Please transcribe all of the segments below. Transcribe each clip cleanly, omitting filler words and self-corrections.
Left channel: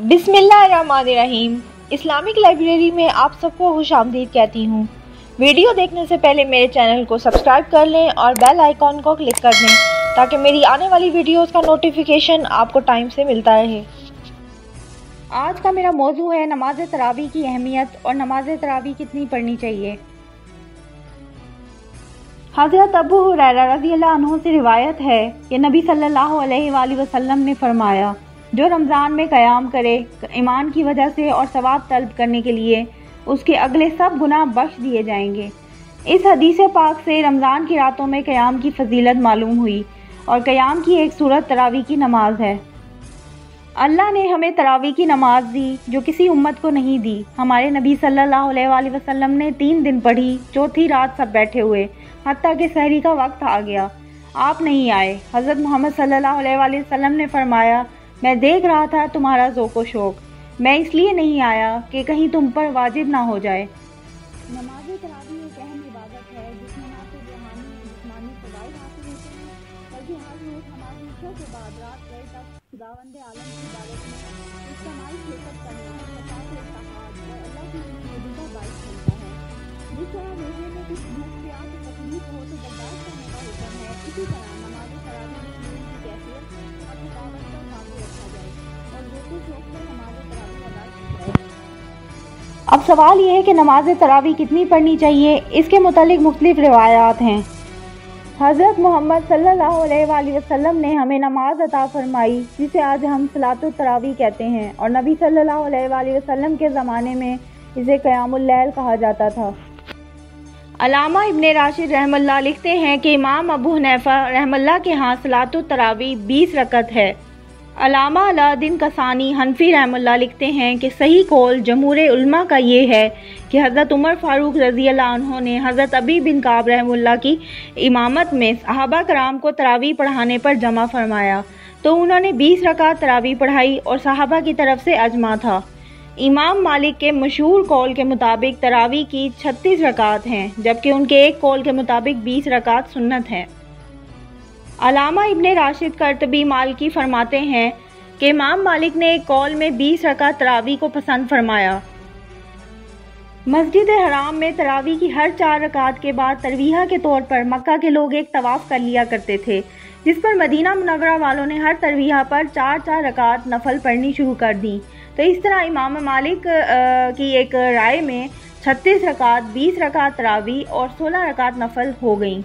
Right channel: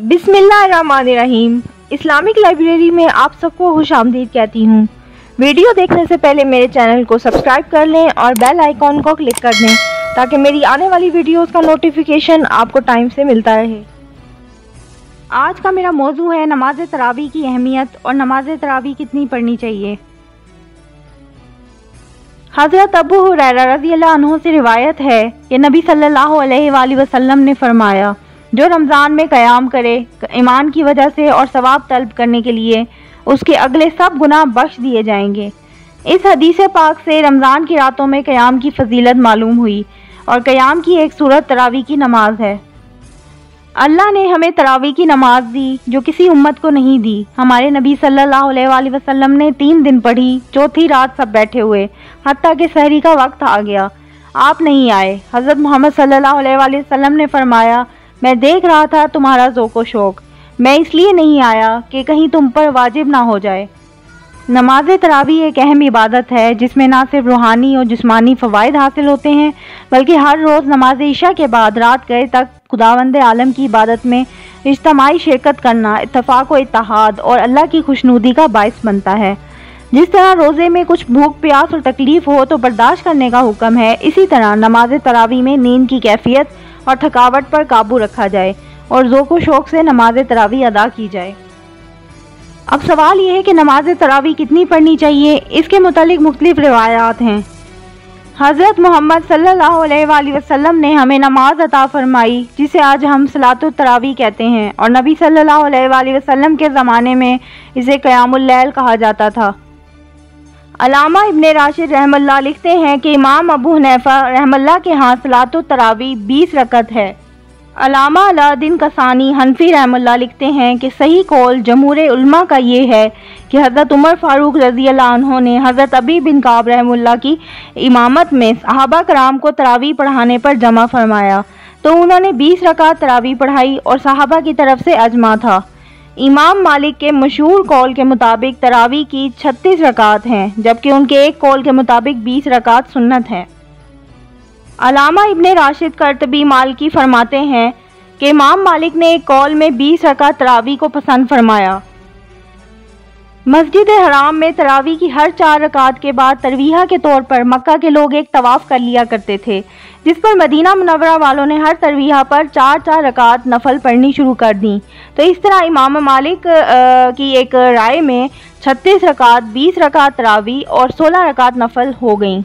बिस्मिल्लाहिर्रहमानिर्रहीम। Islamic library में आप सबको खुशामदीद कहती हूँ। वीडियो देखने से पहले मेरे चैनल को सब्सक्राइब कर लें और बेल आइकॉन को क्लिक कर दें ताकि मेरी आने वाली वीडियोस का नोटिफिकेशन आपको टाइम से मिलता रहे। आज का मेरा मौजू है नमाज तरावी की अहमियत और नमाज तरावी कितनी पढ़नी चाहिए। हज़रत अबू हुरैरा रज़ियल्लाहु अन्हु से रिवायत है कि नबी सल्लल्लाहु अलैहि वसल्लम ने फरमाया, जो रमज़ान में क़याम करे ईमान की वजह से और सवाब तलब करने के लिए, उसके अगले सब गुनाह बख्श दिए जाएंगे। इस हदीस पाक से रमज़ान की रातों में क़याम की फजीलत मालूम हुई और क़याम की एक सूरत तरावी की नमाज है। अल्लाह ने हमें तरावी की नमाज दी जो किसी उम्मत को नहीं दी। हमारे नबी सल्लल्लाहु अलैहि वसल्लम ने 3 दिन पढ़ी, चौथी रात सब बैठे हुए, हत्ता कि सहरी का वक्त आ गया, आप नहीं आए। हज़रत मोहम्मद सल्लल्लाहु अलैहि वसल्लम ने फरमाया, मैं देख रहा था तुम्हारा ज़ौक़ शौक़, मैं इसलिए नहीं आया कि कहीं तुम पर वाजिब ना हो जाए। नमाज तरावी एक अहम इबादत है जिसमें ना सिर्फ रूहानी और जिस्मानी फ़वाइद हासिल होते हैं बल्कि हर रोज़ नमाज इशा के बाद रात गए तक खुदावंद आलम की इबादत में इज्तिमाई शिरकत करना इत्तफ़ाक़ व इत्तेहाद और अल्लाह की खुशनुदी का बाइस बनता है। जिस तरह रोज़े में कुछ भूख प्यास और तकलीफ़ हो तो बर्दाश्त करने का हुक्म है, इसी तरह नमाज तरावी में नींद की कैफियत और थकावट पर काबू रखा जाए और ज़ौक़ शौक़ से नमाज तरावी अदा की जाए। अब सवाल ये है कि नमाज तरावी कितनी पढ़नी चाहिए। इसके मुतालिक मुख्तलिफ रिवायात हैं। हज़रत मोहम्मद सल्लल्लाहु अलैहि वसल्लम ने हमें नमाज अता फरमाई जिसे आज हम सलातुत तरावी कहते हैं और नबी सल्लल्लाहु अलैहि वसल्लम के ज़माने में इसे क़यामुल लैल कहा जाता था। अल्लामा इब्ने राशिद रहमतुल्लाह लिखते हैं कि इमाम अबू हनीफा रहमतुल्लाह के यहाँ सलातुत तरावी 20 रकत है। अल्लामा अलाउद्दीन कसानी हनफी रहमतुल्लाह लिखते हैं कि सही कौल जमहूर उलमा का ये है कि हज़रत उमर फ़ारूक रज़ियल्लाहु अन्हु ने हज़रत अबी बिन काब रहमतुल्लाह की इमामत में सहाबा कराम को तरावी पढ़ाने पर जमा फरमाया तो उन्होंने 20 रकात तरावी पढ़ाई और सहाबा की तरफ से अजमा था। इमाम मालिक के मशहूर कौल के मुताबिक तरावी की 36 रकात हैं जबकि उनके एक कौल के मुताबिक 20 रकात सुन्नत हैं। अल्लामा इब्ने राशिद कर्तबी मालिकी फरमाते हैं कि इमाम मालिक ने एक कौल में 20 रकात तरावी को पसंद फरमाया। मस्जिद हराम में तरावी की हर 4 रकात के बाद तरवीहा के तौर पर मक्का के लोग एक तवाफ़ कर लिया करते थे, जिस पर मदीना मुनव्वरा वालों ने हर तरवीहा पर 4-4 रकात नफल पढ़नी शुरू कर दी। तो इस तरह इमाम मालिक की एक राय में 36 रकात, 20 रकात तरावी और 16 रकात नफल हो गईं।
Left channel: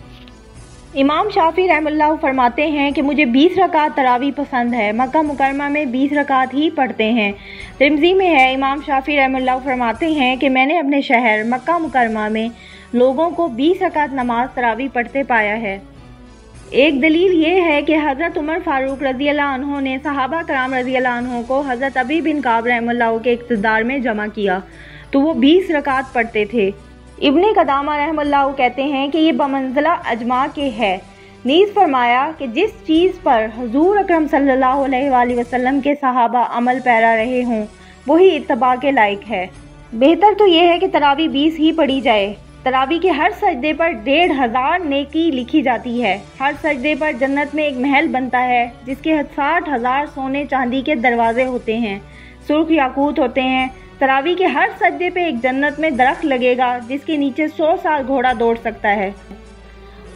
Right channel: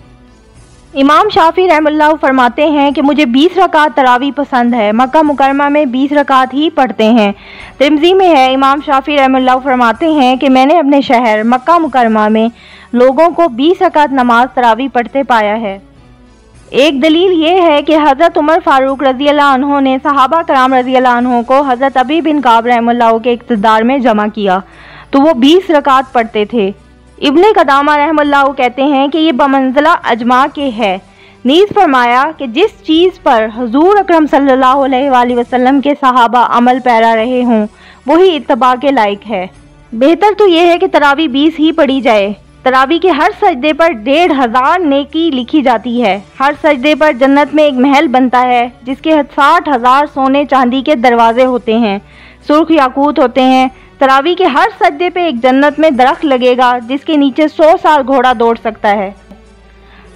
इमाम शाफी रहमतुल्लाह फरमाते हैं कि मुझे 20 रकात तरावी पसंद है, मक्का मुकरमा में 20 रकात ही पढ़ते हैं। तिरमिज़ी में है, इमाम शाफी रहमतुल्लाह फरमाते हैं कि मैंने अपने शहर मक्का मुकरमा में लोगों को 20 रकात नमाज तरावी पढ़ते पाया है। एक दलील ये है कि हज़रत उमर फ़ारूक रज़ियल्लाहु अन्हु ने सहाबा कराम रज़ियल्लाहु अन्हु को हज़रत अबी बिन काब रहमतुल्लाह के इक़्तिदार में जमा किया तो वो 20 रकात पढ़ते थे। इब्ने कदामा रहमतुल्लाह कहते हैं कि ये बमंज़िला अजमा के है। नीज़ फरमाया कि जिस चीज़ पर हुज़ूर अकरम सल्लल्लाहु अलैहि वसल्लम के सहाबा अमल पैरा रहे हों वही इत्तबा के लायक है। बेहतर तो ये है कि तरावी 20 ही पढ़ी जाए। तरावी के हर सजदे पर 1500 नेकी लिखी जाती है। हर सजदे पर जन्नत में एक महल बनता है जिसके 60,000 सोने चांदी के दरवाजे होते हैं, सुर्ख याकूत होते हैं। तरावी के हर सजदे पे एक जन्नत में दरख्त लगेगा जिसके नीचे 100 साल घोड़ा दौड़ सकता है।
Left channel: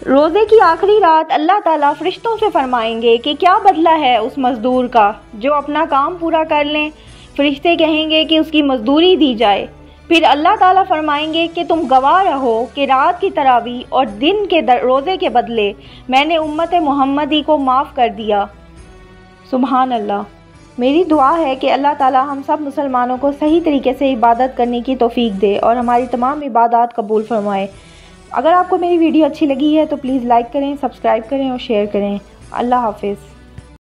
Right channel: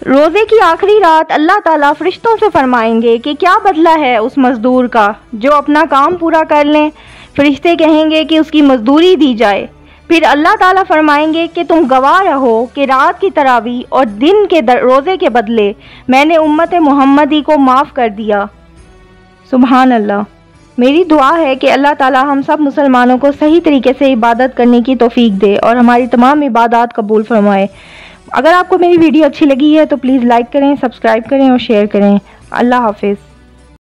रोज़े की आखिरी रात अल्लाह ताला फरिश्तों से फरमाएंगे कि क्या बदला है उस मजदूर का जो अपना काम पूरा कर लें। फरिश्ते कहेंगे कि उसकी मजदूरी दी जाए। फिर अल्लाह ताला फरमाएंगे कि तुम गवाह रहो कि रात की तरावी और दिन के रोज़े के बदले मैंने उम्मत मोहम्मदी को माफ़ कर दिया। सुभान अल्लाह। मेरी दुआ है कि अल्लाह ताला हम सब मुसलमानों को सही तरीके से इबादत करने की तौफीक दे और हमारी तमाम इबादत कबूल फरमाए। अगर आपको मेरी वीडियो अच्छी लगी है तो प्लीज़ लाइक करें, सब्सक्राइब करें और शेयर करें। अल्लाह हाफिज़।